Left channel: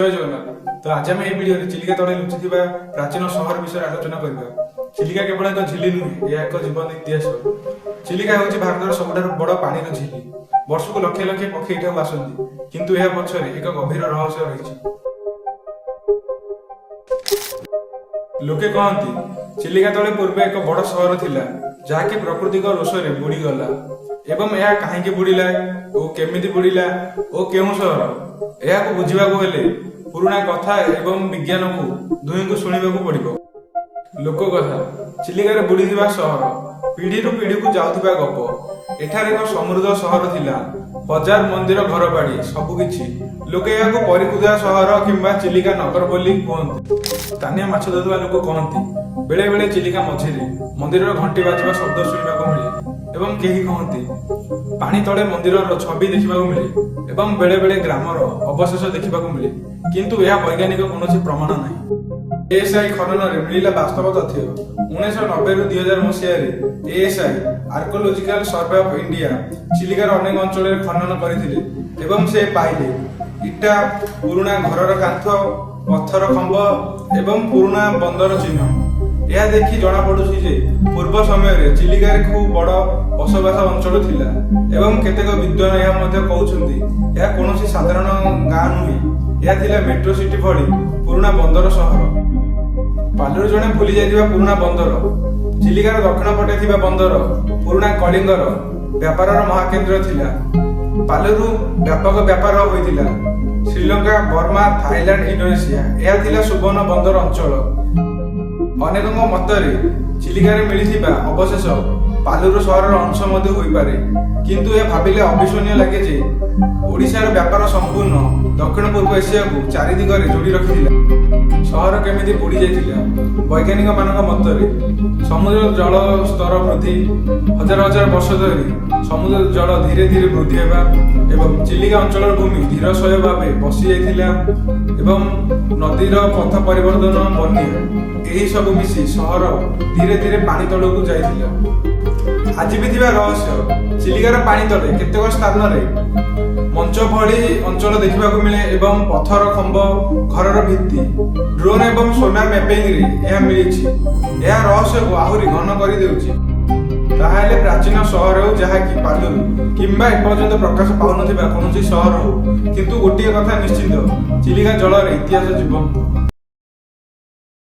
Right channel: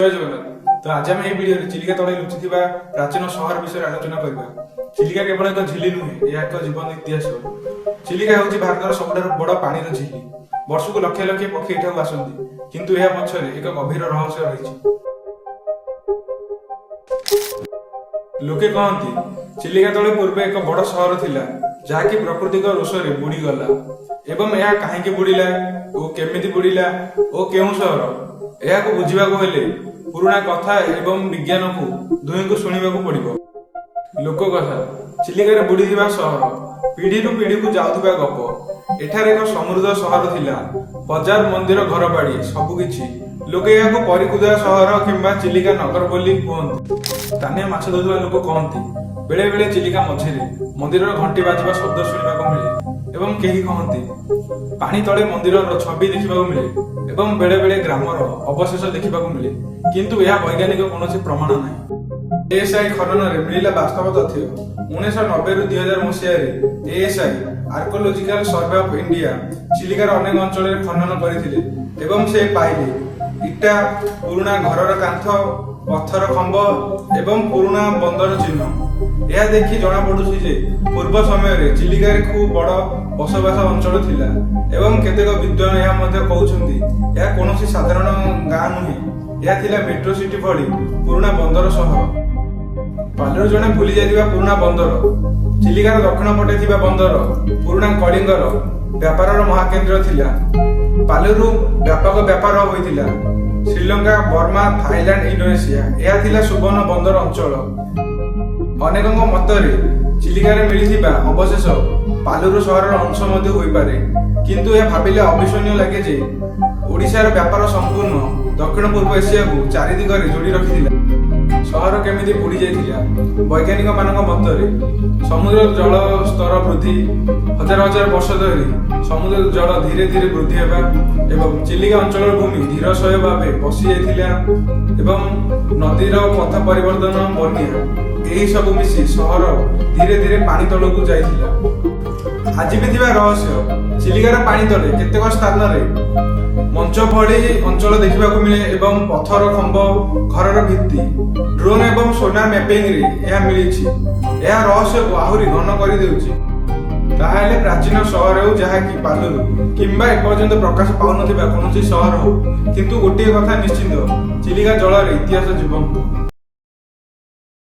जय जगन्नाथ। तो आज आम ये भिडियो चिलिका तले लुचि प्राचीन सहर विषय आलोचना करबा। चिलिका केवल एक झिली नुहे, यह एक जीवन इतिहास। चिलिका हूँ भारत सबुठ बड़ पानी झिली। वर्ष को लक्ष लक्ष पक्षी एठाक आसती, किंतु यह पछरे एक गभीर रहस्य रही। लोके कहती चिलिका तले पूर्व एक बड़ सहर थिला, जहाँकि प्राकृतिक रोषरे बुड़ी गला। एवं यह कहीं बुड़ीला और केमिति बुड़ीला और केउ सहर यह बुझा पुराणा कथा एवं विज्ञान को दुई को शुणा पड़ो। लोक कथा चिलिकार बुड़ी सहर पीढ़ी रु पीढ़ी को जाऊा गप। एठार एक समृद्ध सहर थिला, बजार मंदिर घर बाड़ी सबकिछि। लोके यहाँ परिकुदा सहर किंबा चिलिका नगर बोली कहते। स्थानीय माछ धरुवा लोक कहती बेले बेले चिलिका मझिरे मंदिर घंटी बाजिबा शब्द शुणा मिले एवं केही कहती पानी तले मंदिर छवि देखा मिले एवं बेले बेले ग्रामर अवशेष देखा मिले, किंतु यह वैज्ञानिक कौन प्रमाण नहीं। एएसआई खनन मिला वास्तव तथ्य 1990 रु 2000 मसीह ASI archaeological survey of India चिलिकार अनेक अंचल खनन करथिले एवं से पाइले इटा, पुराना घरर कांथ, पत्थर खंब एवं पुराना बंदर चिन्ह। यह देखि जना पड़ुछि जे पूर्व समय चिलिकार खूब बड़ बसवास अंचल थिला एवं केतेक विद्वान यह मध्य कहउछन्ति यह कोनोसी साधारण गाँ नुहे, यह थिला मेट्रो सिटी भली पुराना बंदर सहर। पालर जने भूली जाइथिबा पुराना बंदर, चिलिकार दक्षिण पटे थिबा बंदर पुराना कलिंगर व्यापारर महाकेन्द्र थिला। पालरू व्यापक व्यापार होइथिला। श्रीलंका, बर्मा, थाईलैंड, इंडोनेशिया यह थिला सुवर्ण बंदर अंचल। अनेकଙ୍କ ମତରେ ଚିଲିକାରେ ମିଳିଥିବା ଅବଶେଷ ପାଲୁରୁ ସହରର ଅଂଶ ମଧ୍ୟ ହୋଇପାରେ, କିନ୍ତୁ ଏହା ଭାବିଲେ ଅବିଶ୍ୱନୀୟ ଲାଗେ ଯେ ଓଡ଼ିଶାର ବ୍ୟାପାର ସମ୍ପୂର୍ଣ୍ଣ ଦକ୍ଷିଣ ପୂର୍ବ ଏସିଆକୁ ଚାରି ଦିଗରେ ଯୋଡ଼ି ରଖିଥିଲା। ସହର କେମିତି ବୁଡ଼ି ଯାଇଥିଲା? ବୈଜ୍ଞାନିକ ମାନଙ୍କ ମତରେ ସମୁଦ୍ର ଜଳ ସ୍ତର ବୃଦ୍ଧି, ହଜାର ହଜାର ବର୍ଷ ଧରି ସମୁଦ୍ର ଜଳ ଧୀରେ ଧୀରେ ବୃଦ୍ଧି ହେବା ଏବଂ ଚିଲିକା ଅଞ୍ଚଳର ଭୂମି ଧୀରଶୟ ଭାବେ ବସି ଯାଇଥିଲା ଏବଂ ନଦୀର ପଥ ପରିବର୍ତ୍ତନ, ବନ୍ୟା ଏହି ସବୁ ମିଶି ସହର ଧୀରେ ଧୀରେ ପାଣି ତଳକୁ ଯାଇଥିଲା। ଆଜି ବି ଥିବା ରହସ୍ୟ ଚିଲିକାର ପାଣି ତଳେ କେତେକ ସ୍ଥାନରେ ମଞ୍ଚ ଭଳି ଅଞ୍ଚଳ ଦେଖିବାକୁ ମିଳେ ଏବଂ ପଥର ଖମ୍ବ, ଘରର ଭିତ୍ତି, ଡ୍ରୋନ୍ ଏବଂ ସୋନାର ମ୍ୟାପିଂରେ ଏହା ମିଳିଛି। ଏହା ରହସ୍ୟକୁ ଆହୁରି ଘନ କରିଦେଉଛି। ତାହେଲେ ପ୍ରାଚୀନ ସହର ହେଉ, ଯାହାକି ପାଲୁରୁ କିମ୍ବା ଏପର୍ଯ୍ୟନ୍ତ ପ୍ରକାଶ ପାଉନଥିବା କୌଣସି ସହର ହେଉ, କିନ୍ତୁ ଗୋଟିଏ କଥା ନିଶ୍ଚିନ୍ତ, ଚିଲିକା ଜଳରେ ଇତିହାସ ଜୀବନ୍ତ।